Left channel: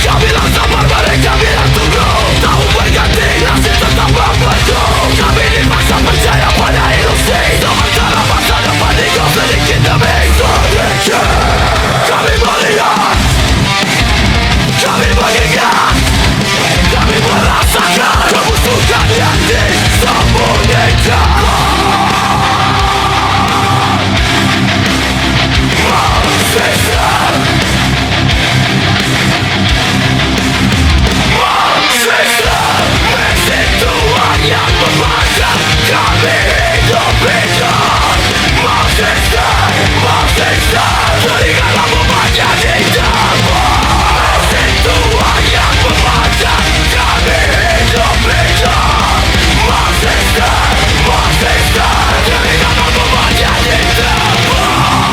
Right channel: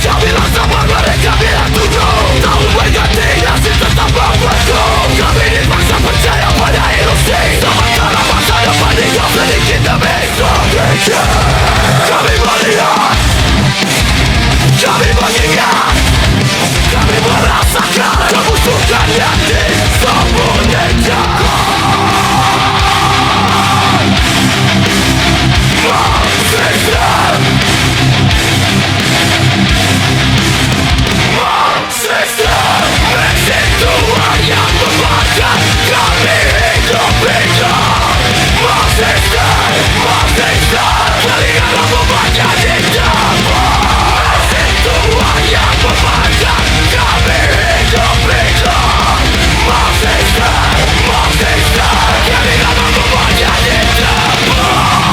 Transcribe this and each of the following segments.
Mereka bilang sabar, mereka bilang tunggu. Tahu berganti, nasib tetap yang disembunyikan. Marxisme, mesin Tuhan yang membakar kami hidup hidup. Marxisme, telingalah membaca di depan. Mesin Tuhan yang membakar kami hidup hidup. Marxisme, telingalah membaca di depan.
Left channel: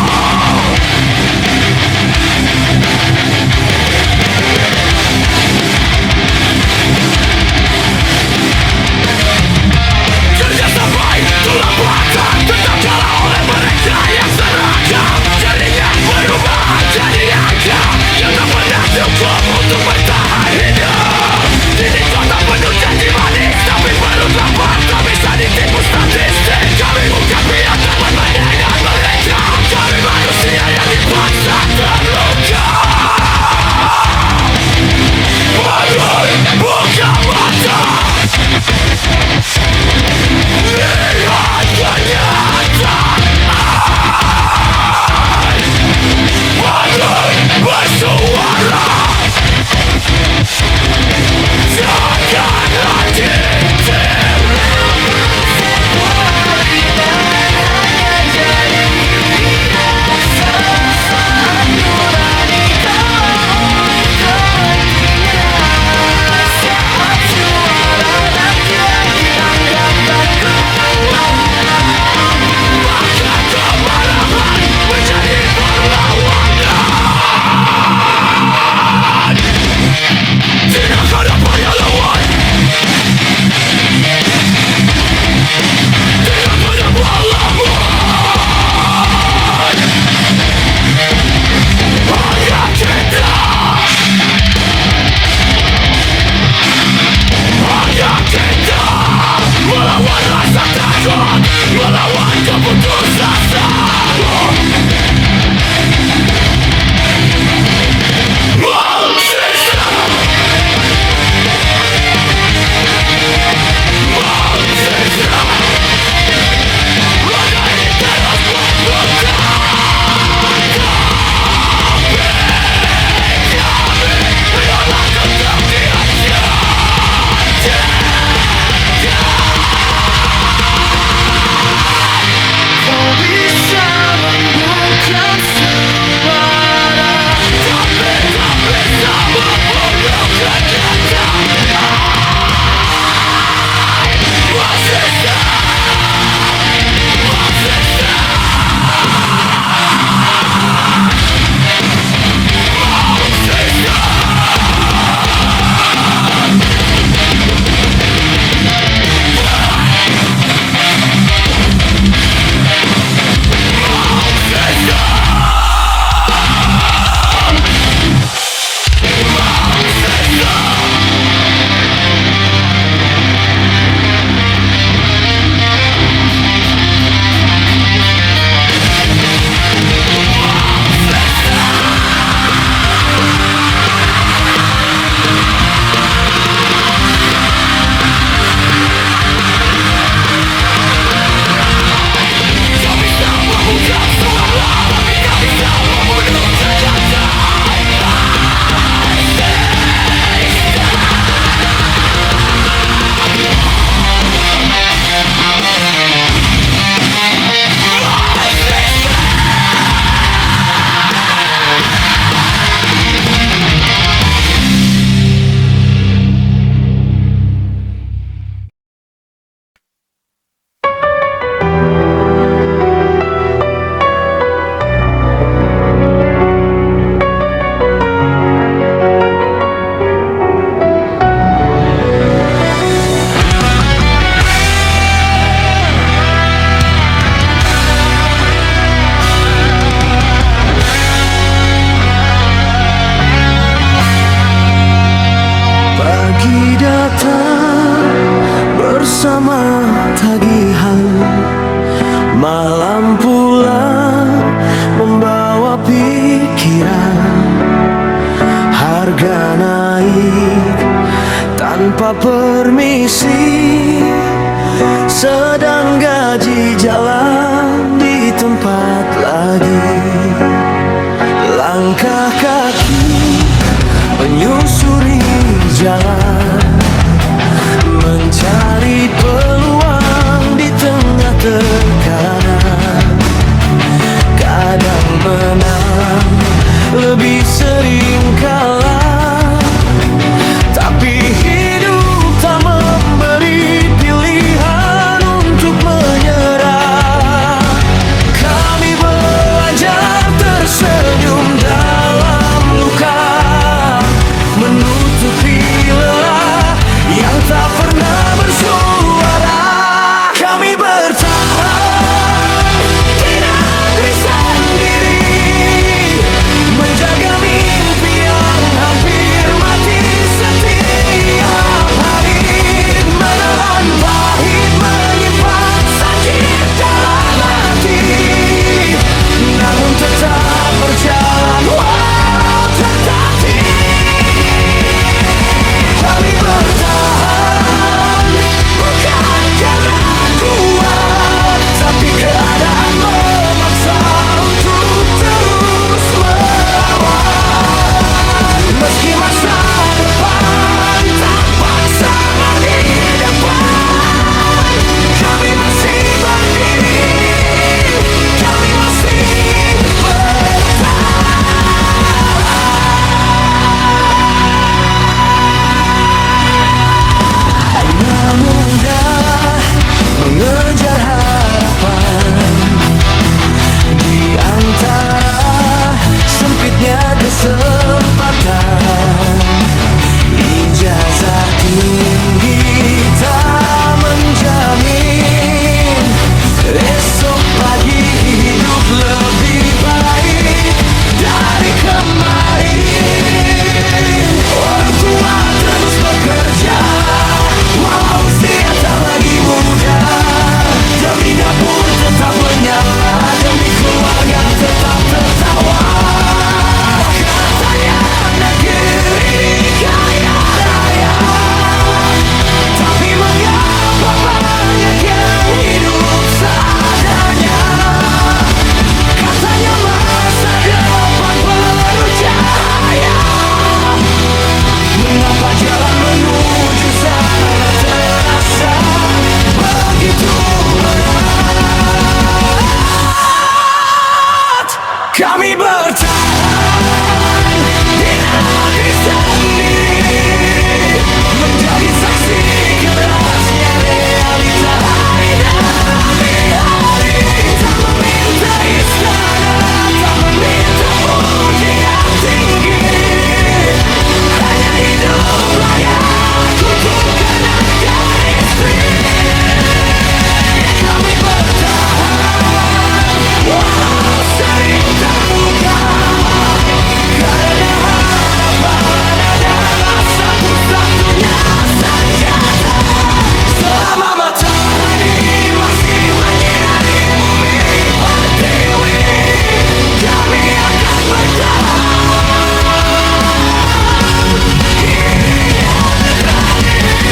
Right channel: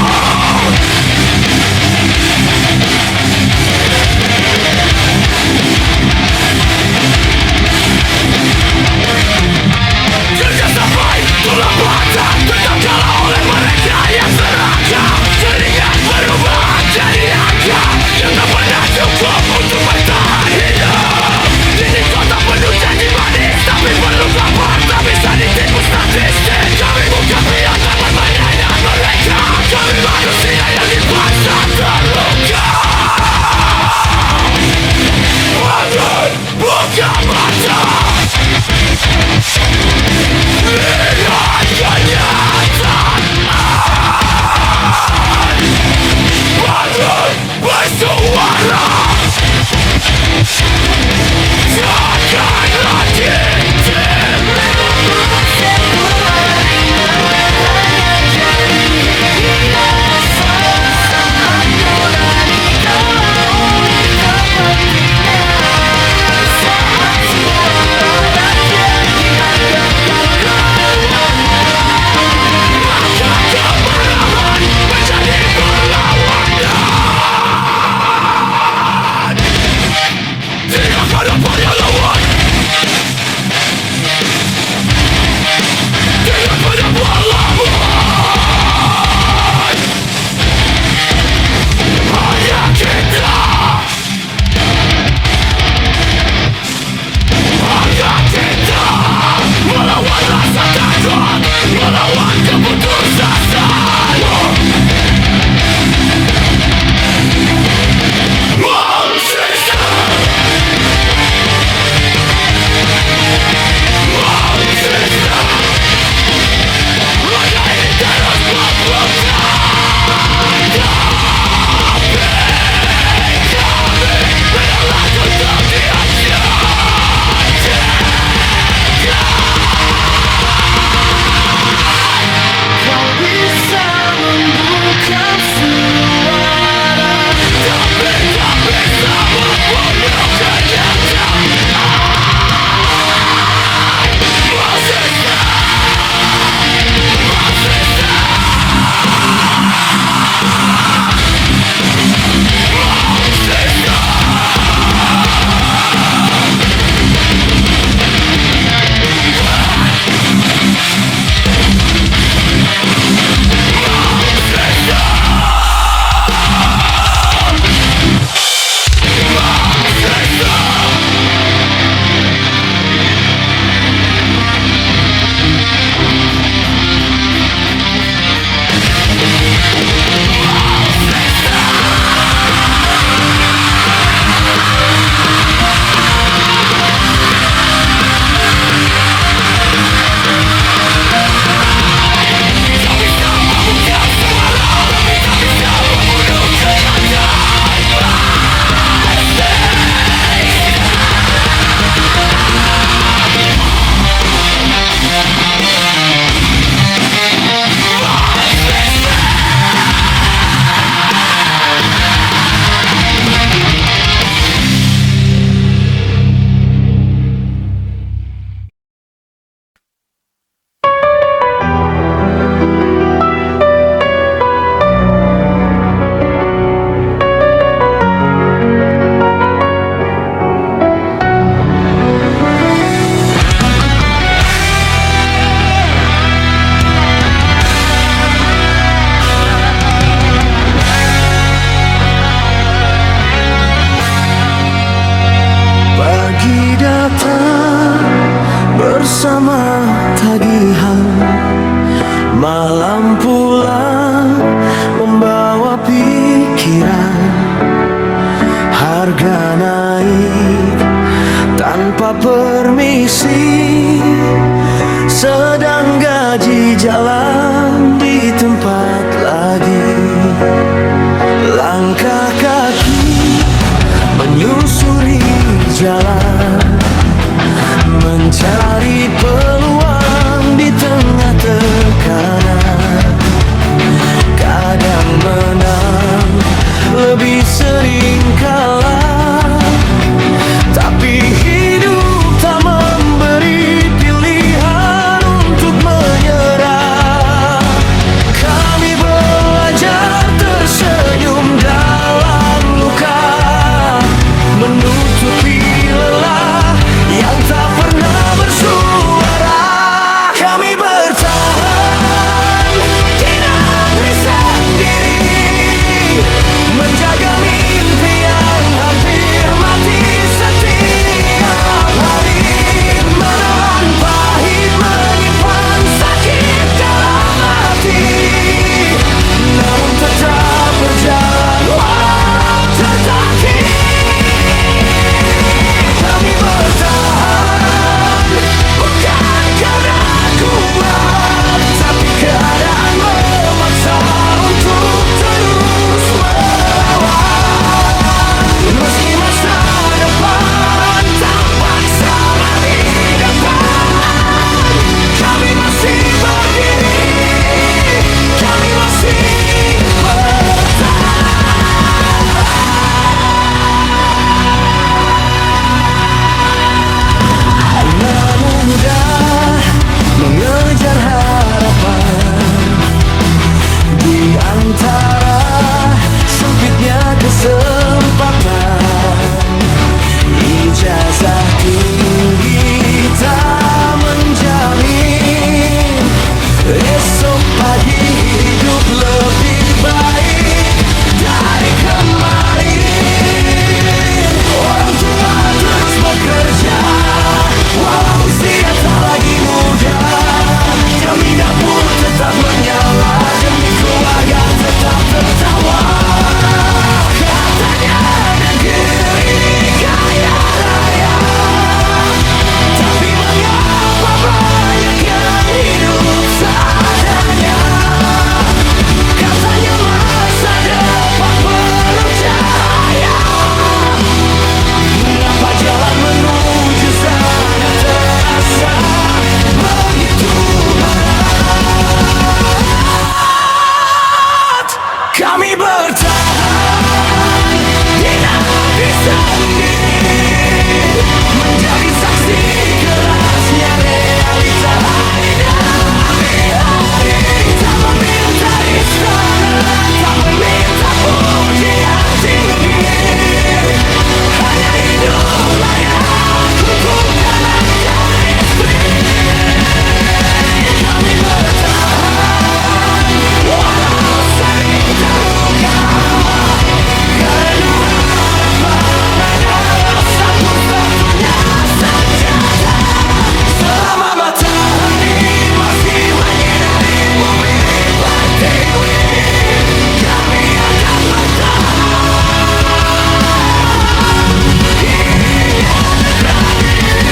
Kerja sampai tulang belakang tetap kalah oleh mereka yang serakah. Jaringan berubah jadi angka yang tak pernah cukup untuk bertahan hidup. Ini kota penuh janji manis, tapi perlu lapar, tak bisa ditipu statistik. Kami bukan pion dan permainan mereka. Kami manusia yang dipaksa terluka. Bagai buka mata, lihat kenyataan. Bagai bersuara, janganlah diam. Permainan hanya jadi hiasan saat nurani kalah oleh kepentingan. Saat suara rakyat dianggap gangguan, Maka kemarahan menjadi perlawanan. Tidak ada yang lawan, tidak ada perlawanan. Hanya kita, hanya kita melawan rasa takut, melawan keputusasaan. Marxisme, roda ini terus berputar. Kami menolak untuk dihancurkan. kau bisa membungkam suara, Tapi tak bisa membunuh kenyataan. Marxisme, Marxisme, Marxisme. datang bersama tagihan, malam pulang membawa pikiran. Harga naik, tanpa permisi, sedang gaji jalan di tempat lagi. Langkah kaki menyusuri jalan, mencari peluang di tengah tekanan. Kadang menang, lebih sering kalah, tapi hidup tak memberi pilihan untuk menyerah. Kami belajar tersenyum dalam luka, menutupi lelah yang tak pernah bersuara. Kami bertahan di negeri sendiri, menjaga mimpi yang hampir mati setiap hari. Menelan pahit, menyimpan sakit dalam hati, namun tetap berjalan walau tertatih. Kami bertahan bukan karena kuat, tapi keadaan memaksa untuk terus melawan. Meski masa depan tampak samar di depan, kami masih berdiri, kami masih bertahan. Tak mudah mengejar harapan di antara sempitnya kesempatan. Ijazah tinggi tak menjamin esok pagi hidup lebih baik dari kemarin. Orang tua terus bekerja walau usia tak lagi muda, demi dapur tetap menyala, demi keluarga tetap tertawa. Katanya negeri ini kaya raya, tapi mengapa banyak yang hidup seadanya? Katanya masa depan penuh cahaya, mengapa jalan menuju sana terasa begitu berat? Kami bertahan di negeri sendiri, menjadi saksi kerasnya realita hari demi hari. Tak meminta istana, tak meminta pujian tinggi, hanya hidup layak untuk anak dan istri. Kami bertahan walau sering terluka, karena harapan adalah satu-satunya senjata. Selama matahari masih menyinari bumi pertiwi, kami akan bertahan hingga terakhir.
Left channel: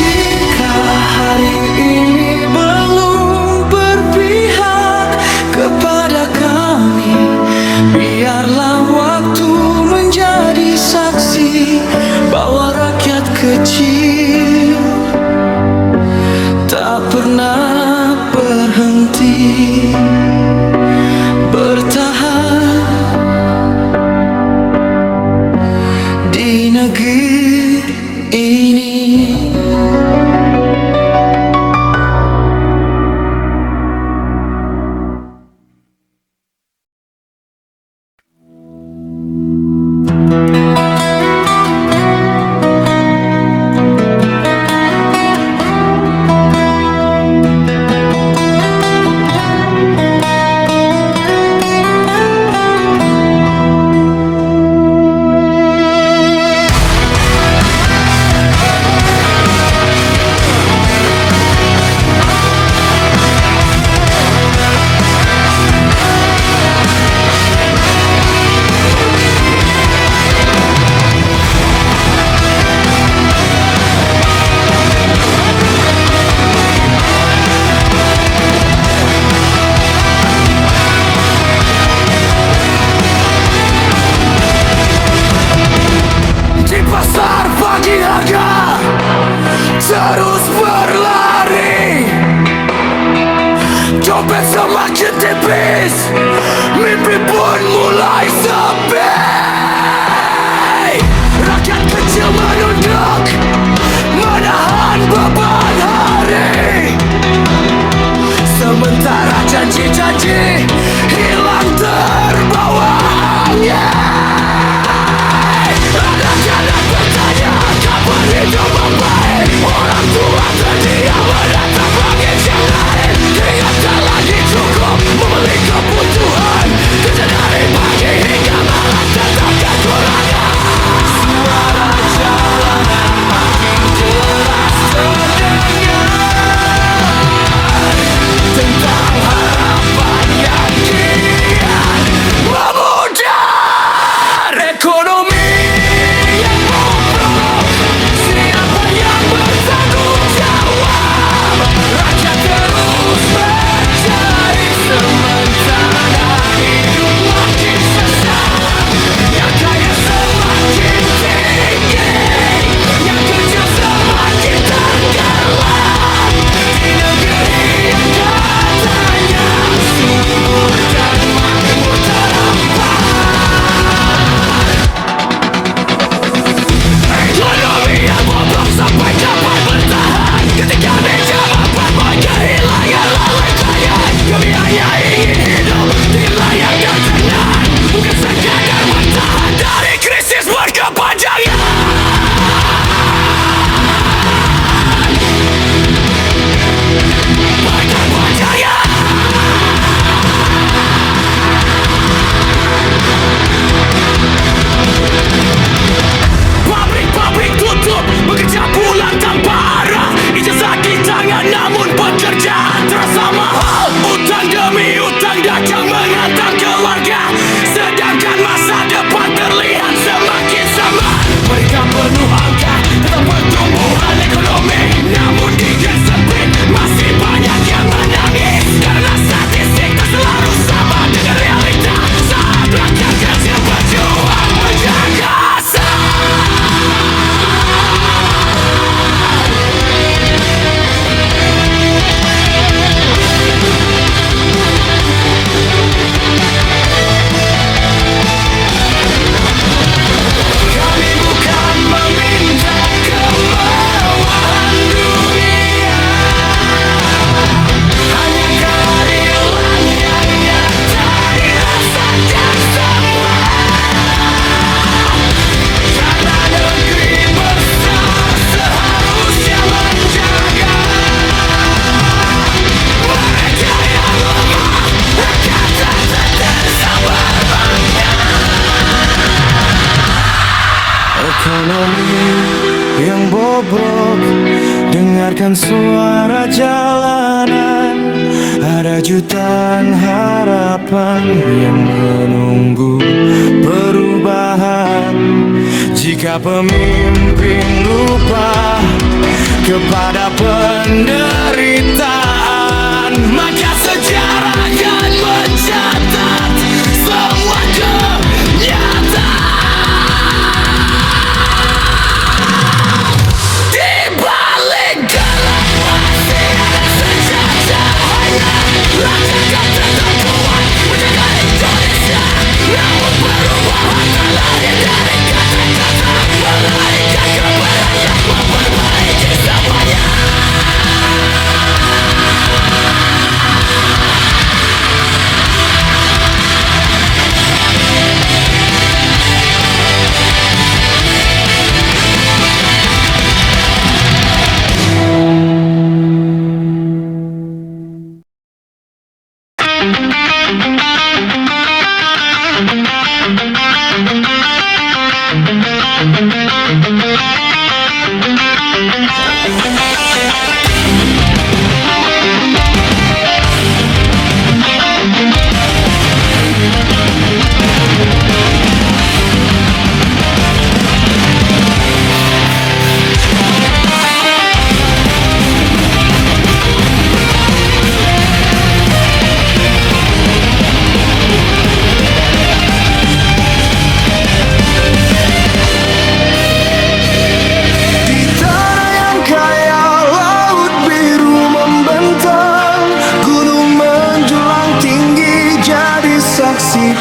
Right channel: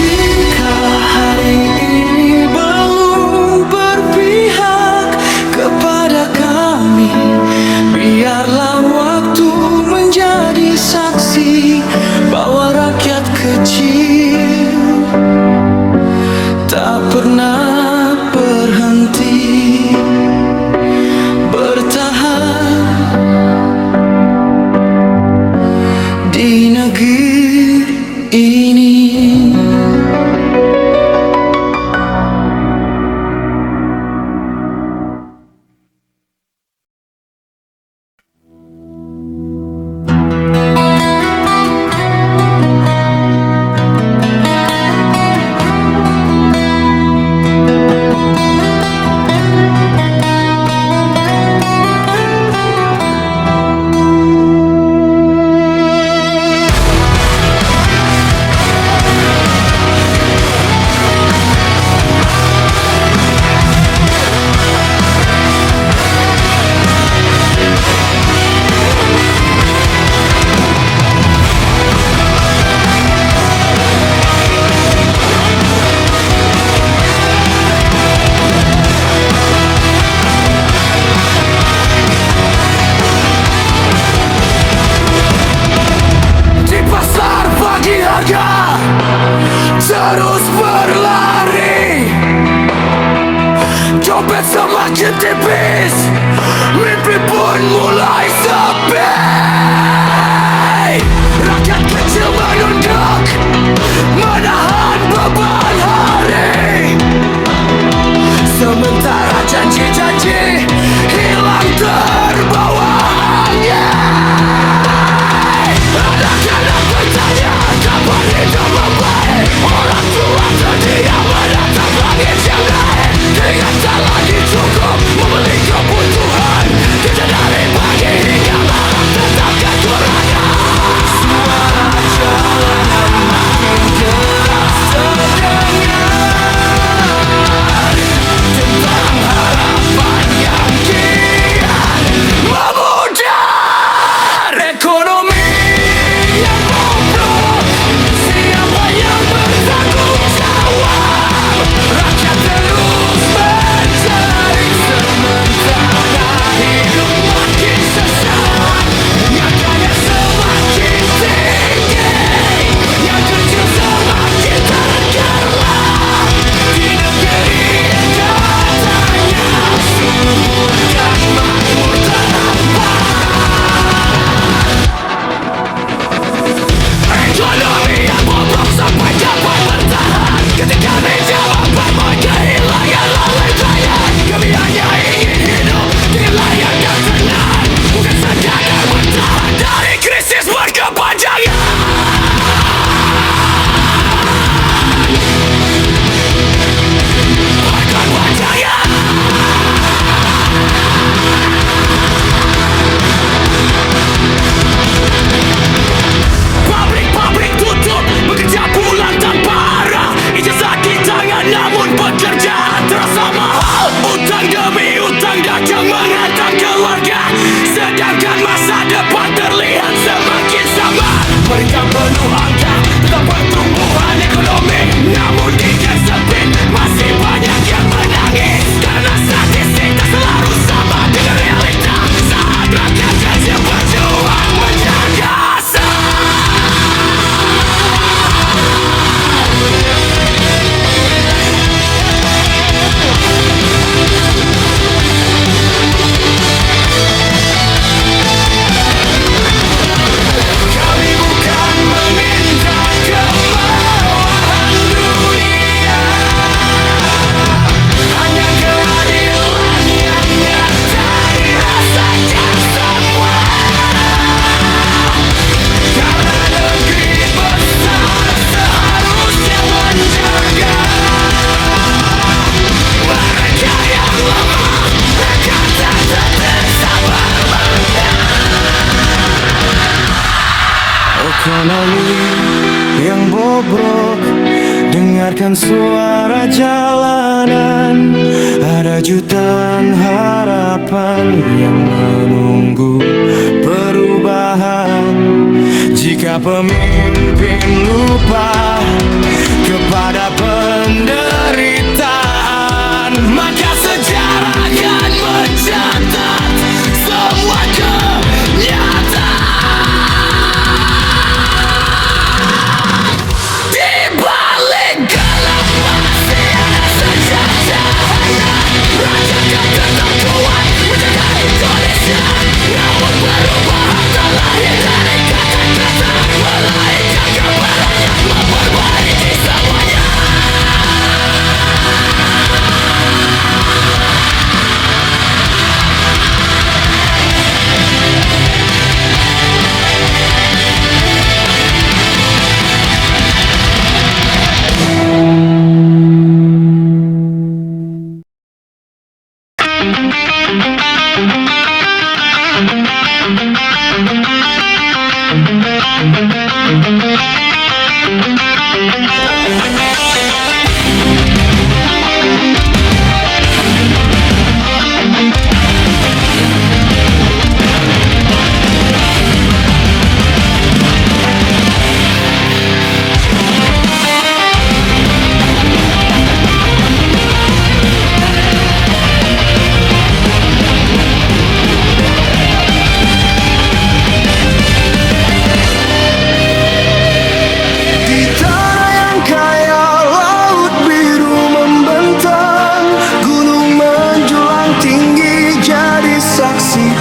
Jika hari ini belum berpihak kepada kami, biarlah waktu menjadi saksi bahwa rakyat kecil tak pernah berhenti bertahan di negeri ini. terus berlari. Dompet semakin tipis, mimpi pun mulai sepi. Rakyat kecil menunduk, menahan beban hari. Sementara janji-janji hilang terbawa angin. Anak-anak bertanya kapan hidup membaik. Orang tua terdiam menatap langit yang naik. Keringat tak lagi cukup membeli kebutuhan. Kerja dari pagi hingga malam tetap kekurangan. Suara jalanan makin keras terdengar tentang harapan yang kian memudar. Ekonomi yang bobrok, siapa yang bertanggung jawab? Rakyat terus mencari sementara hidup makin sesak. Yang kaya semakin tinggi, yang kecil semakin tenggelam. Di negeri yang katanya subur dan makmur terhampar. Ekonomi yang bobrok sampai dapat bertahan. Ketika meja makan mulai kehilangan lalai bayang. Kami hanya ingin hidup dengan layak dan tenang, bukan sekadar bertahan dari krisis berkepanjangan. Berkepanjangan. Pabrik-pabrik tutup, bekerja pulang tanpa arah. Ijazah di tangan namun pekerjaan terasa mahal. Utang demi utang dagang menghantam keluarga, sedangkan masa depan terlihat semakin samar. Berita penuh angka tentang pertumbuhan ekonomi, namun di gang sempit masih banyak yang menangis. Karena statistik tak selalu sama dengan realita. Saat rakyat kecil berjuang menjaga asal. Kami bukan meminta kemewahan dunia, hanya keadilan yang nyata dirasakan semua. Karena negeri besar seharusnya menjaga mereka yang lemah. Kata tetap sabar bangga. Ekonomi yang bobrok, dengarkan suara jalanan. Ada jutaan harapan yang menunggu perubahan. Jika pemimpin lupa kepada penderitaan, maka sejarah akan mencatat semua kenyataan. Di balik gelap masih ada saja cahaya. Raja kan tetap kuat menjaga Indonesia, namun perubahan tak lahir dari kata-kata, melainkan kebenaran yang memperbaiki semuanya.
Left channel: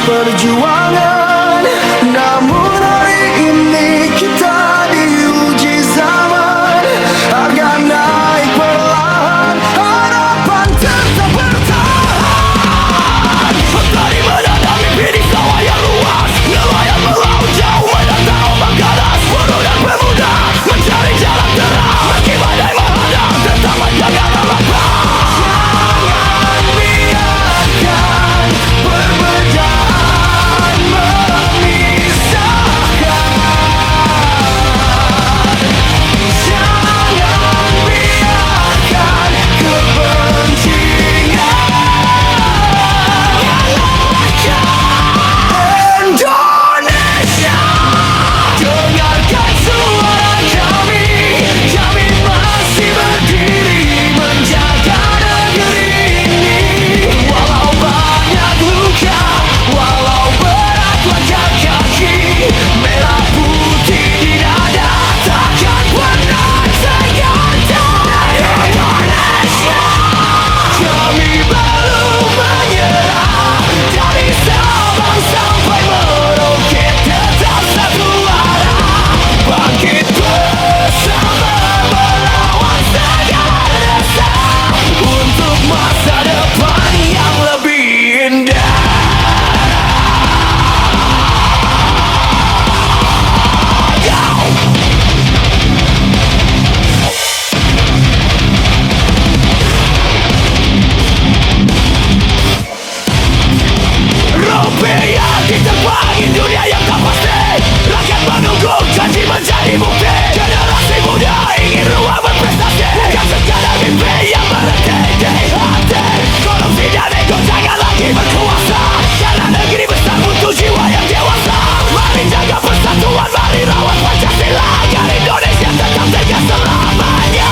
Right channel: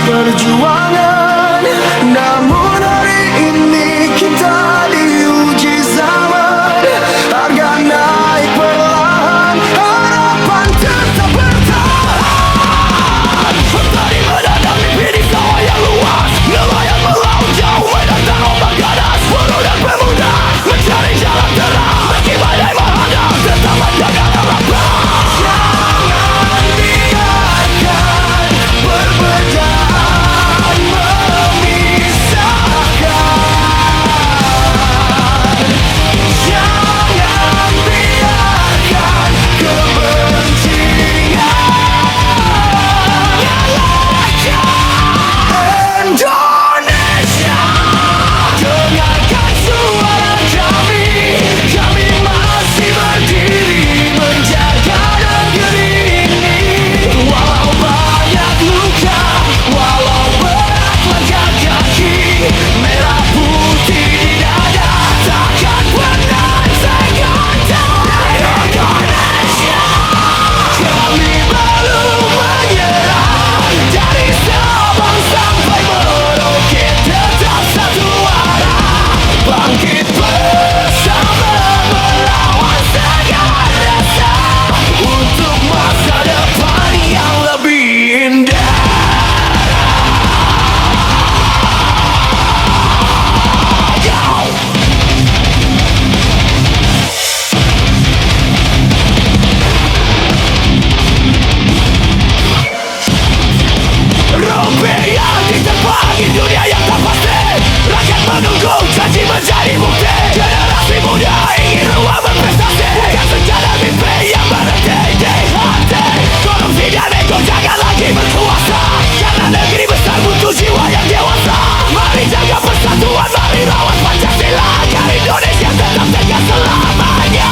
perjuangan. Namun hari ini kita diuji zaman. Harga naik perlahan, harapan tetap bertahan. Tadi menanam mimpi di sawah yang luas, nelayan melaut jauh menantang ombak ganas. Buruh dan pemuda mencari jalan terang, meski badai menghadang tetap menjaga lapang. Jangan biarkan perbedaan memisahkan. Jangan biarkan kebencian nyalakan Indonesia. Dengarkan suara kami, kami masih berdiri menjaga negeri ini. Walau banyak luka, walau berat langkah kaki, merah putih di dada takkan pernah tergoda. Indonesia, kami belum menyerah. Dari Sabang sampai Merauke tetap satu arah. Bangkit bersama melawan segala rasa, untuk masa depan yang lebih indah. Rupiah diterbangi dunia yang tak pasti, rakyat menunggu janji menjadi bukti. Generasi muda ingin ruang berprestasi, bukan sekadar mimpi yang berhenti di hati. Korupsi dan ego jangan lagi berkuasa, karena negeri besar butuh jiwa yang dewasa. Mari jaga persatuan, mari rawat Pancasila, agar Indonesia tetap tegas selamanya.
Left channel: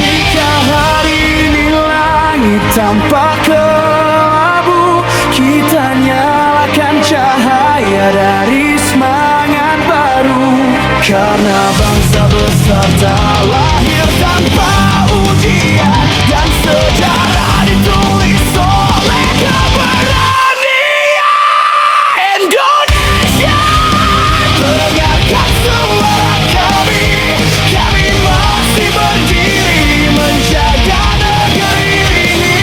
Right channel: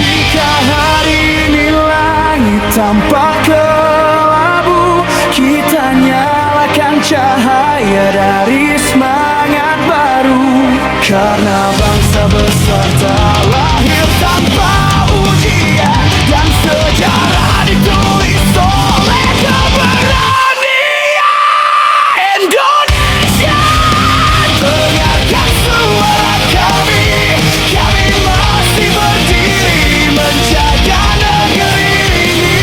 Jika hari ini langit tampak kelabu, kita nyalakan cahaya dari semangat baru. Karena bangsa besar tak lahir tanpa ujian, dan sejarah ditulis oleh keberanian. Indonesia, dengarkan suara kami, kami masih berdiri menjaga negeri ini.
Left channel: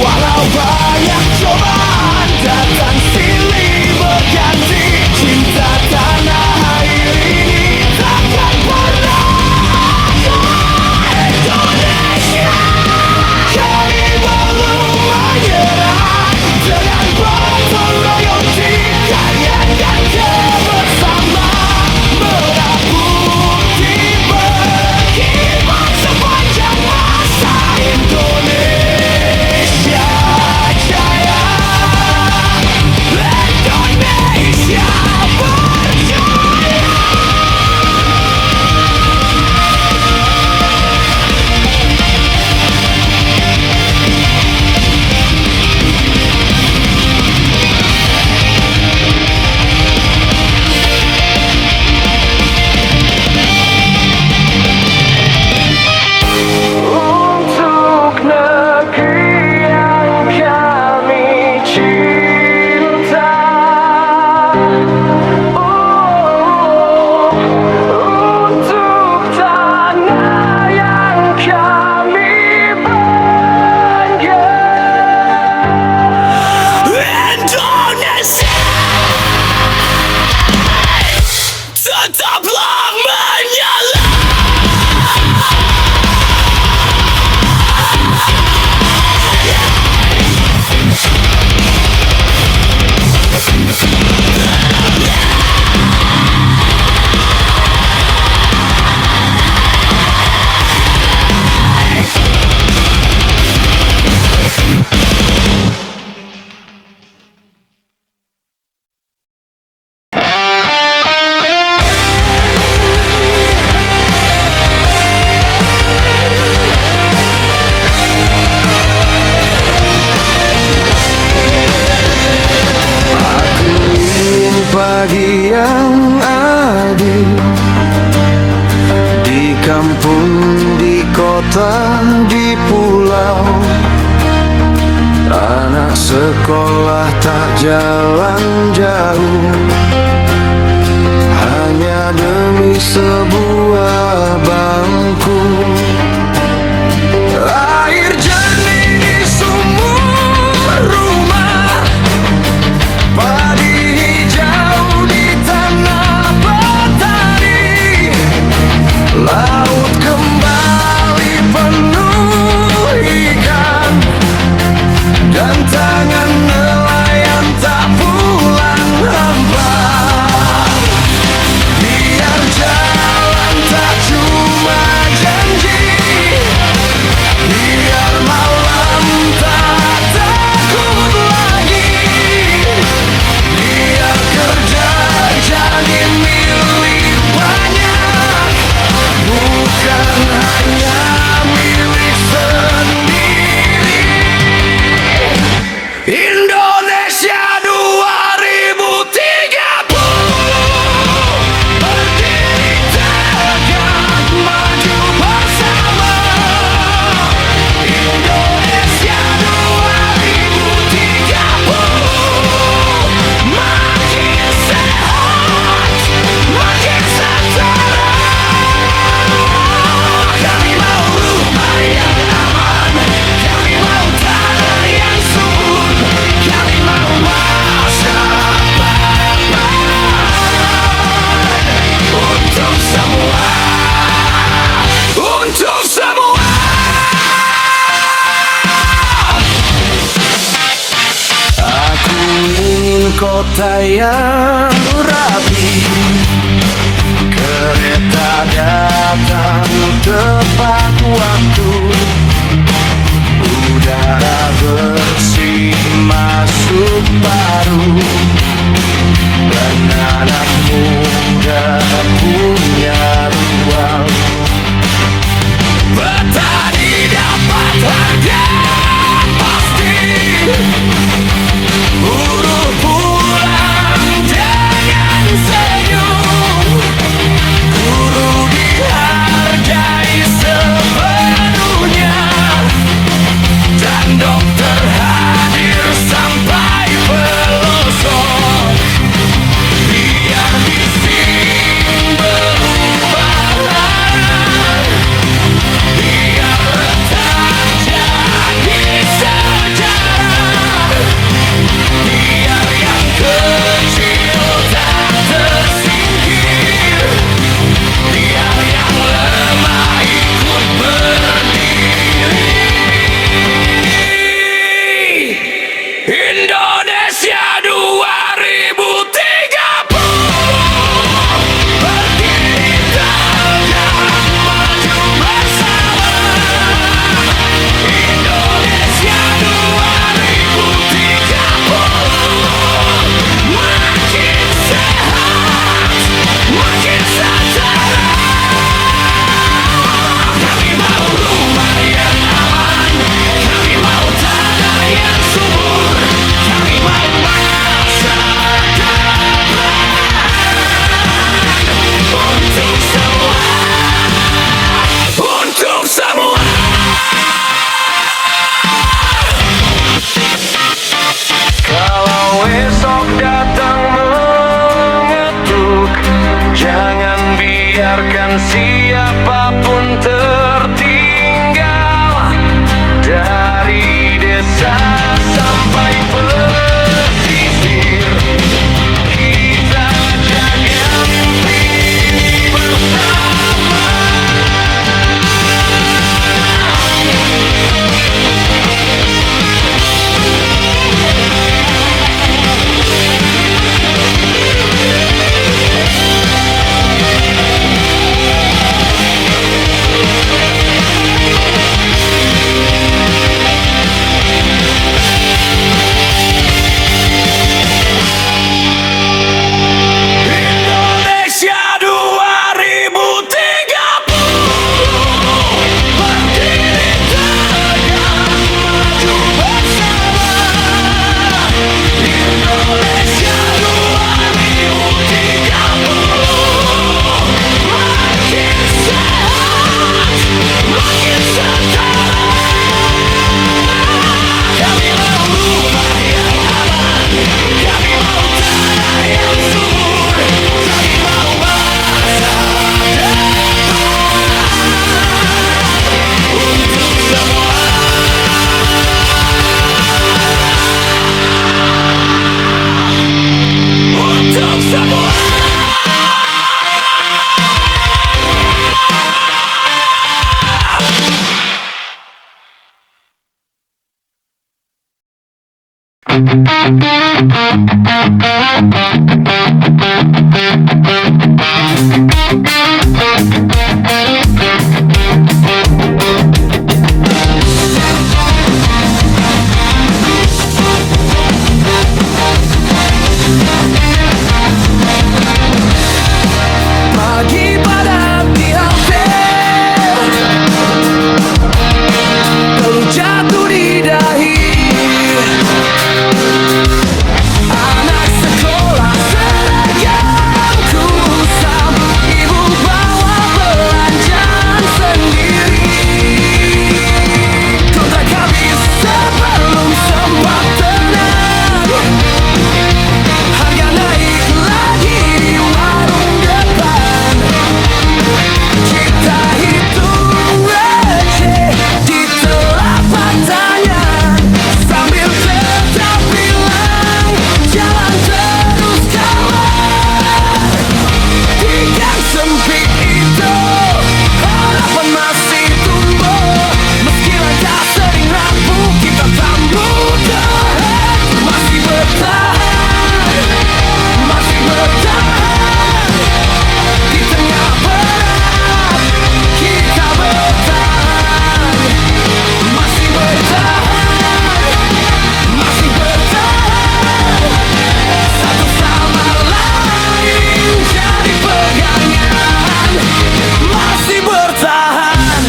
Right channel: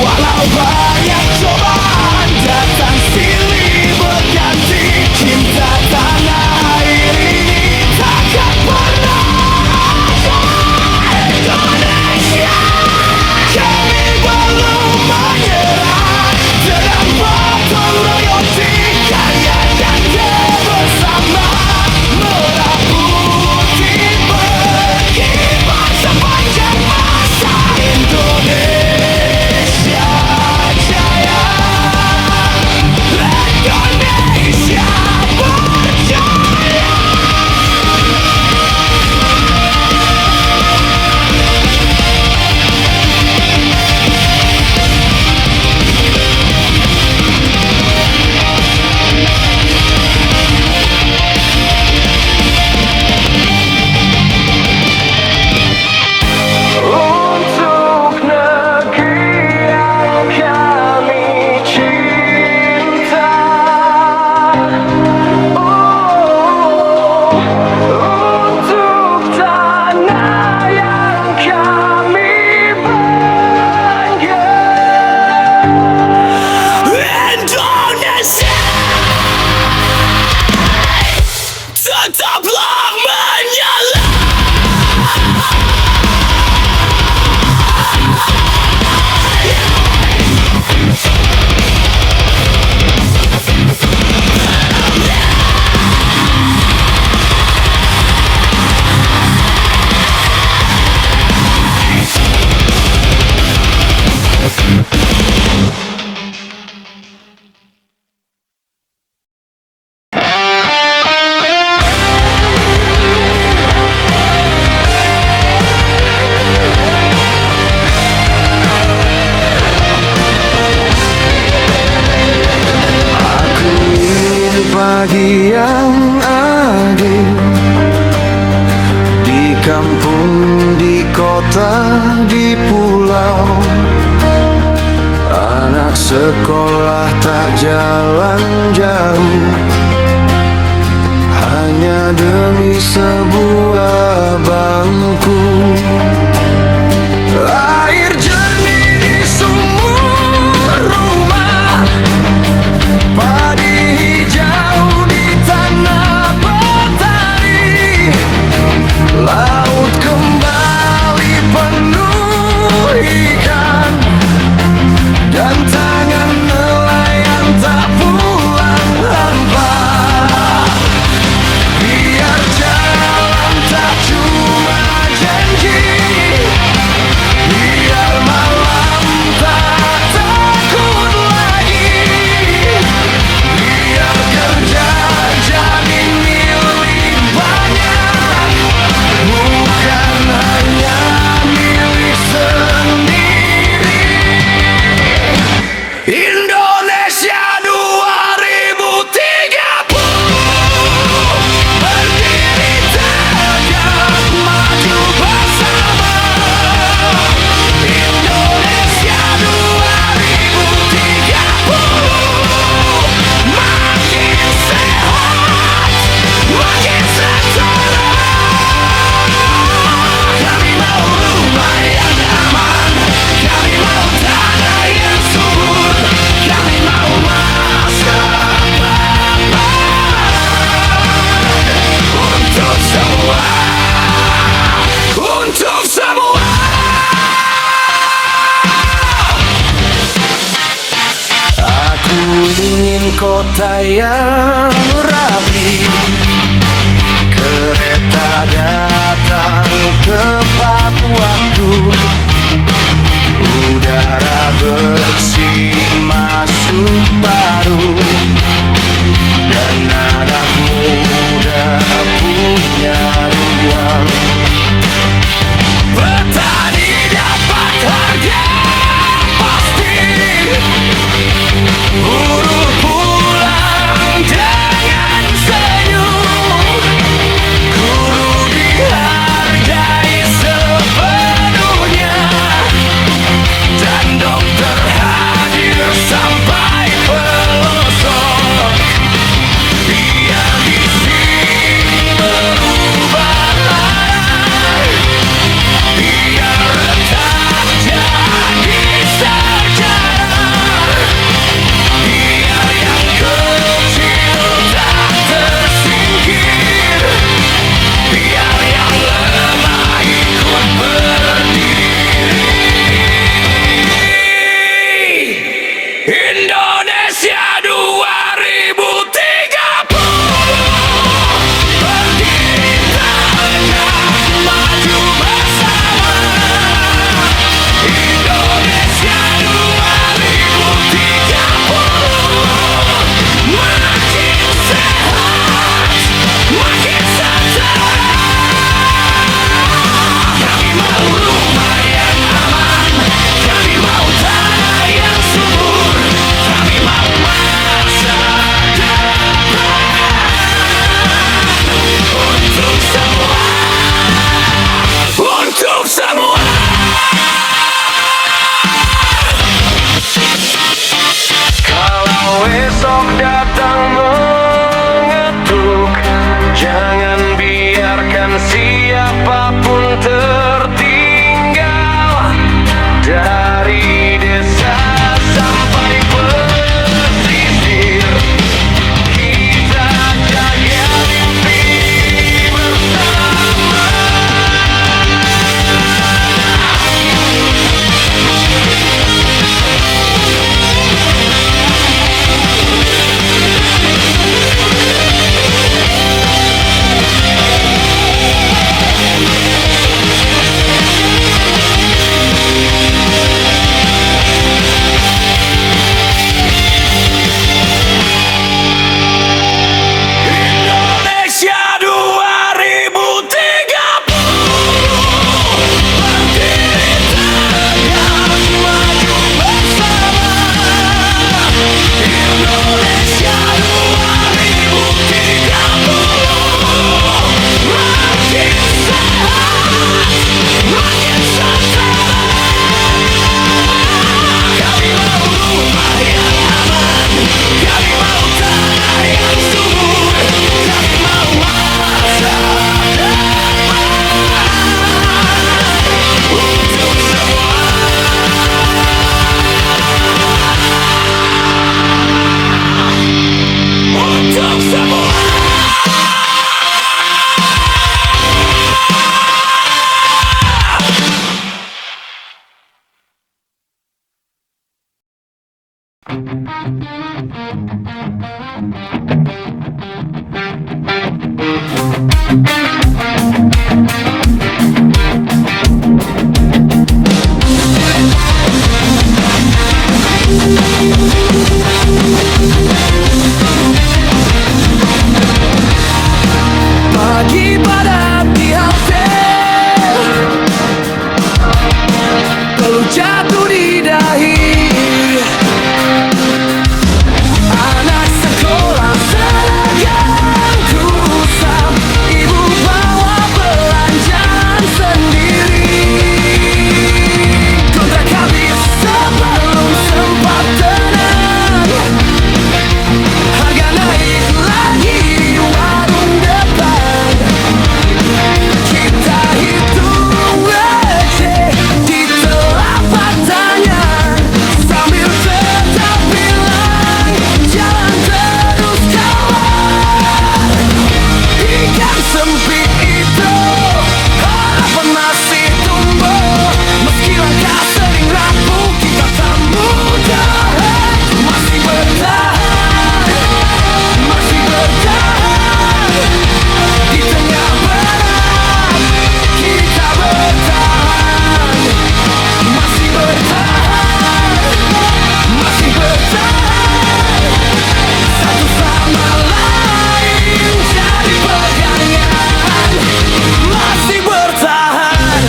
Walau banyak cobaan datang silih berganti, cinta tanah air ini takkan pernah akan. Indonesia, kami belum menyerah. Dengan baton royoti, kalian dan kebersamaan, merah putih berkibar sepanjang masa. Indonesia jaya, Indonesia berjaya. Untuk negeri yang kami cinta, oh, untuk tanah yang kami bangga. Indonesia, tetaplah menyala. Pagi yang adil di kampung, di kota, di pulau. Anak sekolah tak jalan jauh, hanya demi sebuah bangku. Air jernih di sumur rumah, padi hijau di tanah petani. Laut kembali penuh ikan, dan tangan nelayan tak pulang hampa. Biar jalan tak cuma janji, biar malam tak takut lagi, biar kerja jadi milik banyak, bukan hanya milik sendiri. Indonesia 2030, berdiri tegak maju bersama. Indonesia 2030, makin sehat, makin setara. Kami mau rumah yang aman, kami mau tanah yang subur, kami mau masa depan untuk semua, untuk semua. Aku ingin kota yang rapi, kereta datang tepat waktu, udara bersih masuk paru, dan anak muda punya ruang. Petani dapat harga pasti, buruh pulang dengan senyum, guru dihargai sepenuhnya, dan dokter hadir sampai pelosok. Biar bising berubah, biar retak jadi sejarah, biar yang kecil tak tersingkir, biar yang lemah ikut berdiri. Indonesia 2030, berdiri tegak maju bersama. Indonesia 2030, makin sehat, makin setara. Kami mau rumah yang aman, kami mau tanah yang subur, kami mau masa depan untuk semua, untuk semua. Kalau esok datang mengetuk, jangan biarkan siapapun tertinggal. Dari desa sampai pesisir, kita jaga mimpi ini bersama. jatuh di dahi. Anak sekolah seragam ku usap, ibu bawa belanjaan sendiri. Kontrak habis sebelum sempat tenang, harga naik lagi di warung depan. Kita hitung receh di telapak tangan, sambil tetap bilang jalan terus kawan. Di gang sempit itu harapan masih tumbuh, meski langkah sering rapuh kita tak mudah. Masih bertahan, masih bertahan. Di tengah berat kita bertahan. Masih bertahan, masih bertahan. Satu sama lain jadi pegangan. Masih bertahan.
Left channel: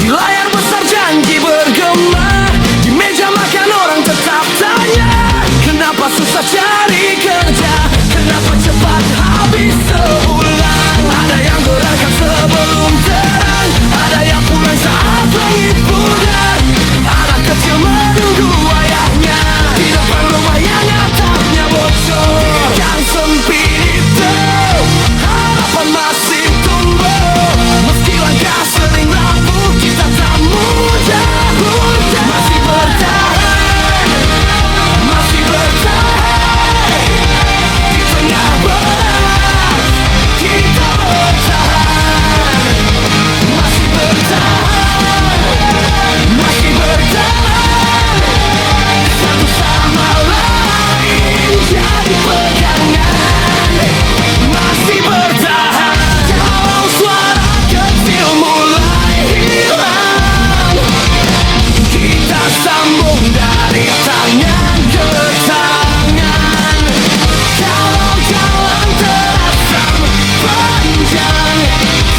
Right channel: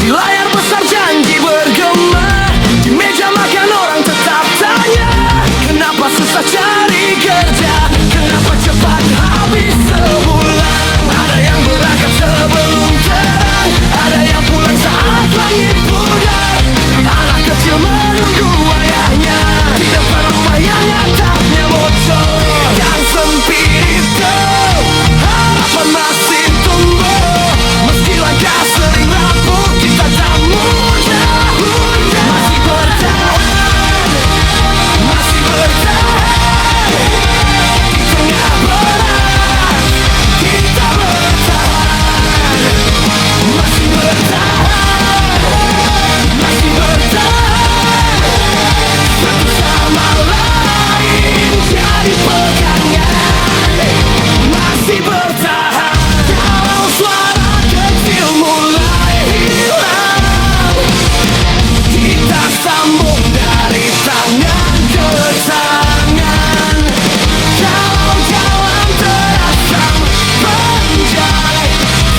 Di layar besar janji bergema, di meja makan orang tetap tanya, kenapa susah cari kerja, kenapa cepat habis sebulan. Ada yang berangkat sebelum terang, ada yang pulang saat langit pudar. Anak kecil menunggu ayahnya di depan rumah yang atapnya bocor. Di gang sempit itu harapan masih tumbuh, meski langkah sering rapuh kita tak mudah. Masih bertahan, masih bertahan. Di tengah berat kita bertahan. Masih bertahan, masih bertahan. Satu sama lain jadi pegangan. Masih bertahan. Kalau suara kecil mulai hilang, kita sambung dari tangan ke tangan. Kalau jalan terasa panjang,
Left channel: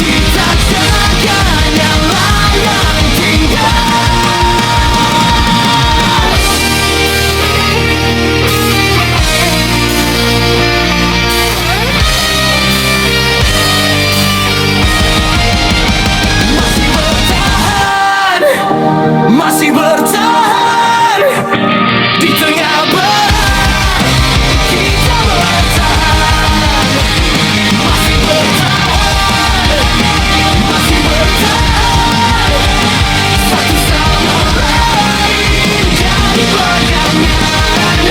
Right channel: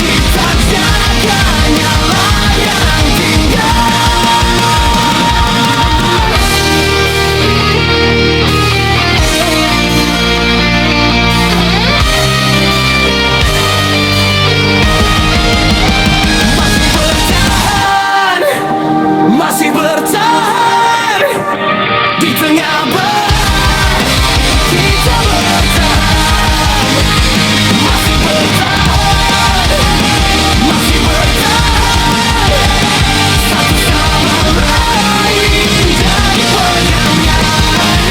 kita jaga nyala yang tinggal. Masih bertahan, masih bertahan. Di tengah berat kita bertahan. Masih bertahan, masih bertahan. Satu sama lain jadi pegangan.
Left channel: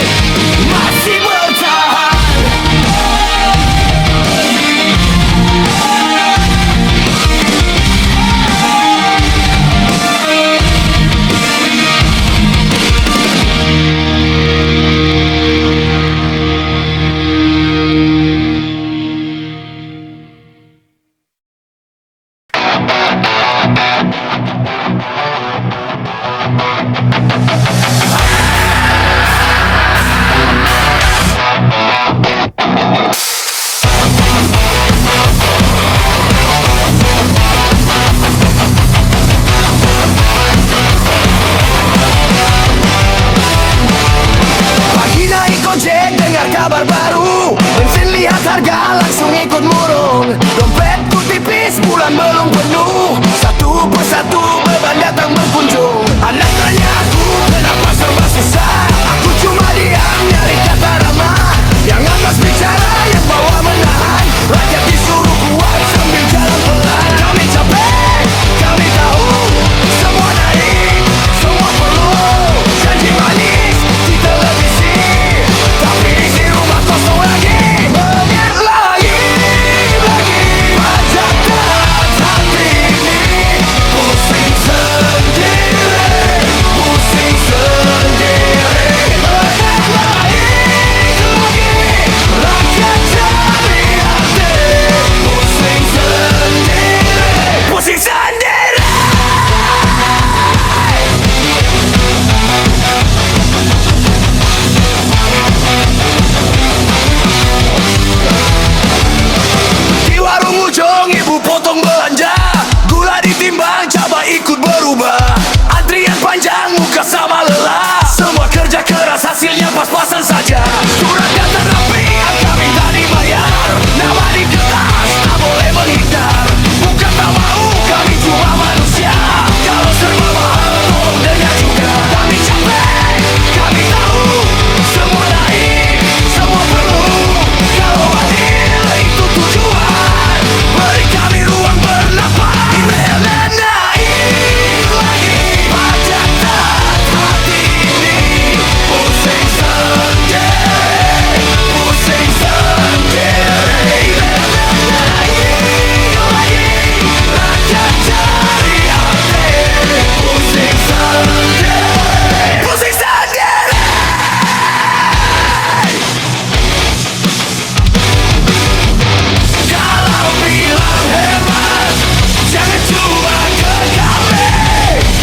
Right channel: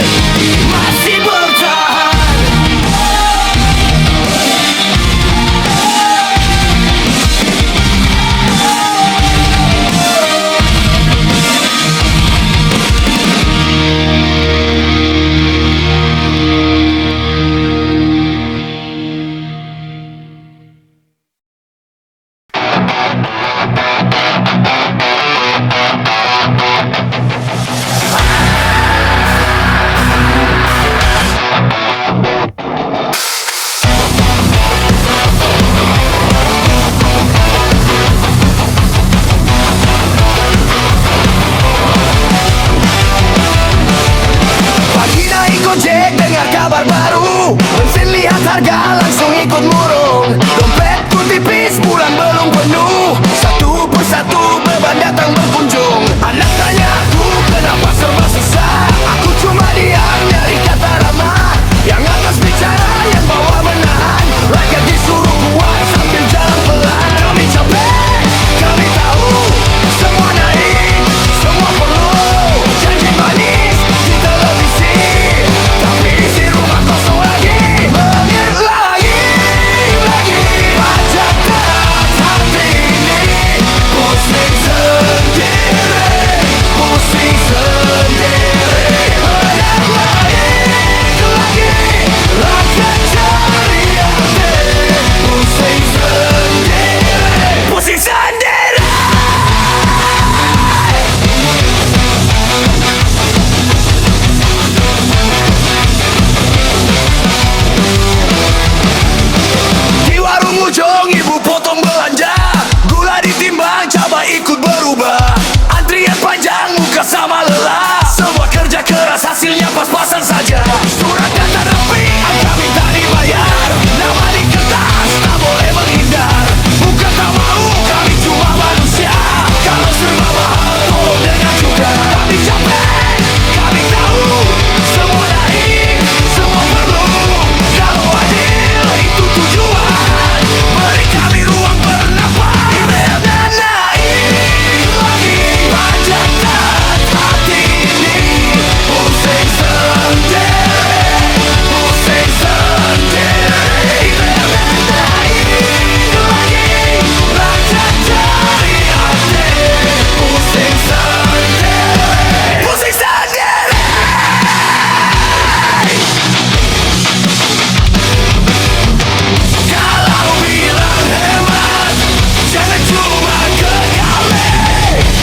Masih bertahan. Pagi naik gojek dengar kabar baru, bensin lihat harga langsung ikut murung. Dompetku tipis bulan belum penuh, satu persatu beban datang berkunjung. Anak tanya aku kenapa serba susah, aku cuma diam nyari kata ramah. Yang atas bicara yang bawah menahan, rakyat disuruh kuat sambil jalan pelan. Kami capek, kami tahu, semua naik, semua perlu janji manis di televisi, tapi isi rumah kosong lagi. Mengit lagi pajak terat hati ini. Pusing sendiri, pusing sendiri. Anak lain bimbang, coba ikut berubah. Antrian panjang, muka sama lelah. Semua kerja keras, hasilnya pas-pasan saja. Surat data rapi, angka minta dibayar. Nama di kertas, tak boleh menghindar. Bukan tak mau, kami cuma manusia. Kalau serba mahal, tolong dengar juga. Kami capek, kami tahu. Semua naik, semua perlu. Kalau adil, itu tujuan. Beri kami ruang bernapas. Emailnya naik lagi. Pajak tat hati ini. Pusing sendiri, pusing sendiri. Emailnya naik lagi. Rakyat cari arti. Pusing sendiri, pusing sendiri. Kalau bilang hemat, jangan cuma ke kami.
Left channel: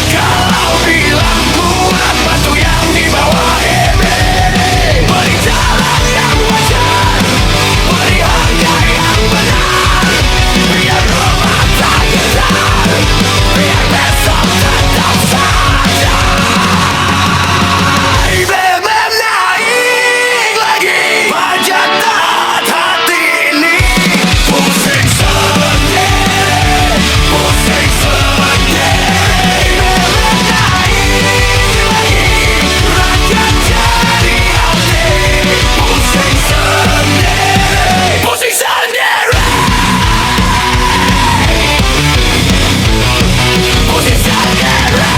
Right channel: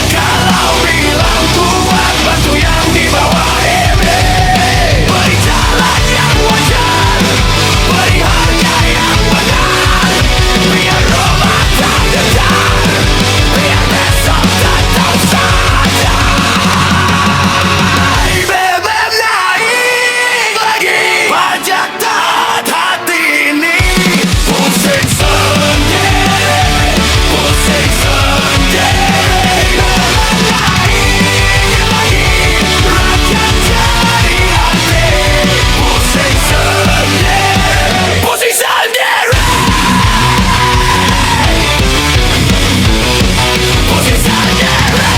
Kalau bilang kuat, bantu yang di bawah ini. Beri jalan yang wajar, beri harga yang benar. Biar rumah tak getar, biar besok tetap saja. BBM naik lagi. Pajak tat hati ini. Pusing sendiri, pusing sendiri. BBM naik lagi. Rakyat cari arti. Pusing sendiri, pusing sendiri. Pusing sendiri.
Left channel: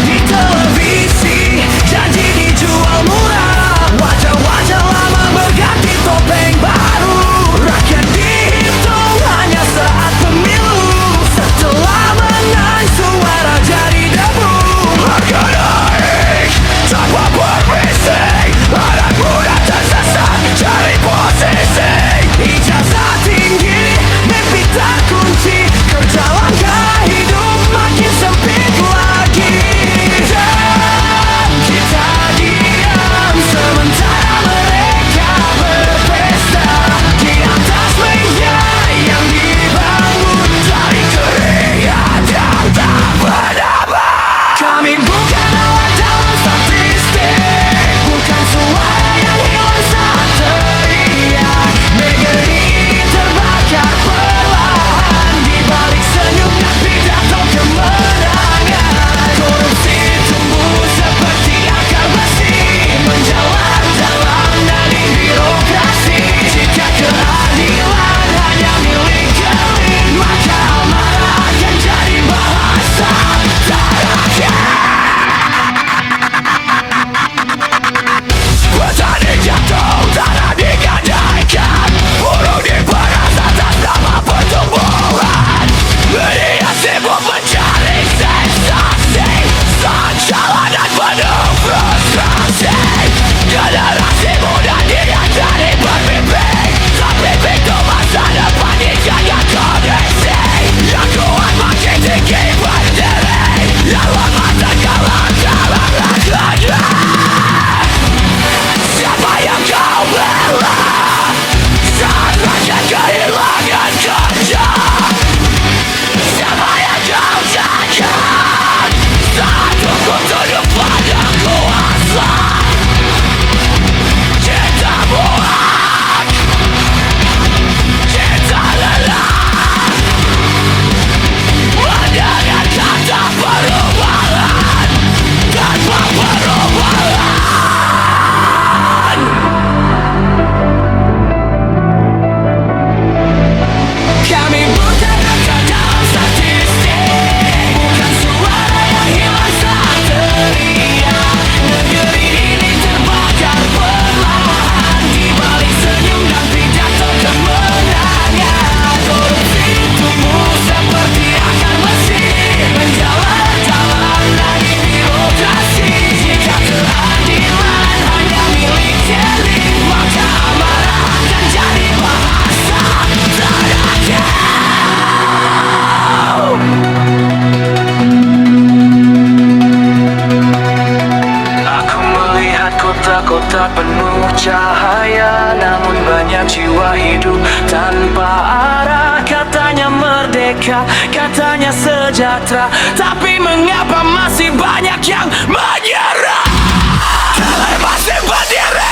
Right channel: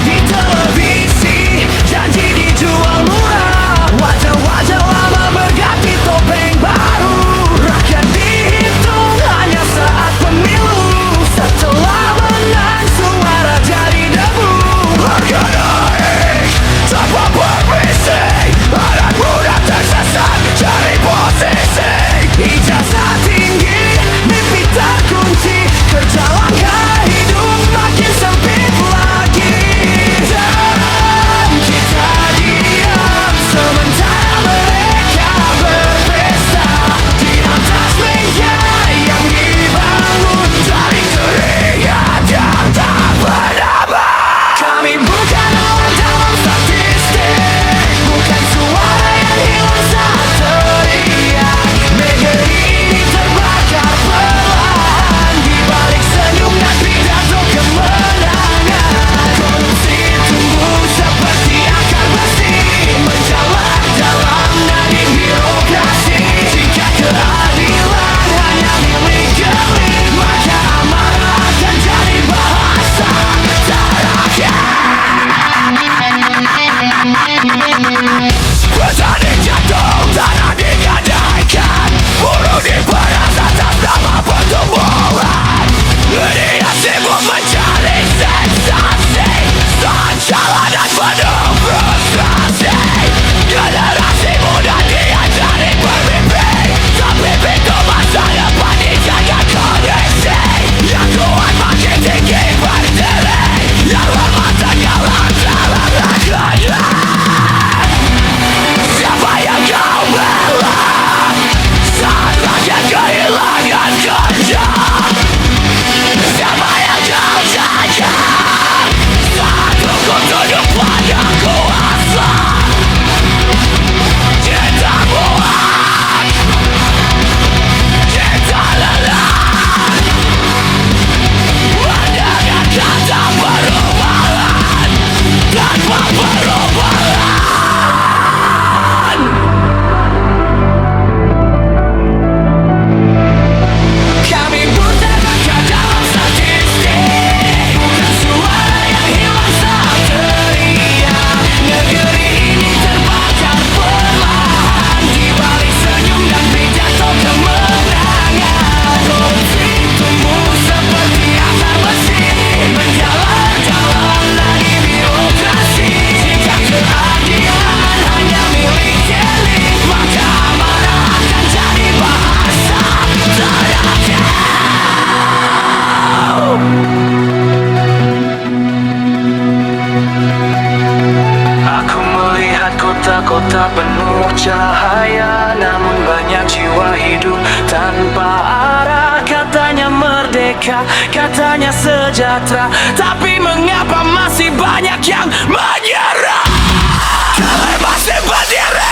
Di televisi janji dijual murah. Wajah-wajah lama berganti Kota-kota penuh cahaya, namun banyak jiwa hidup tanpa arah. Katanya merdeka, katanya sejahtera, tapi mengapa masih banyak yang menyerah? Kalian masih berdiri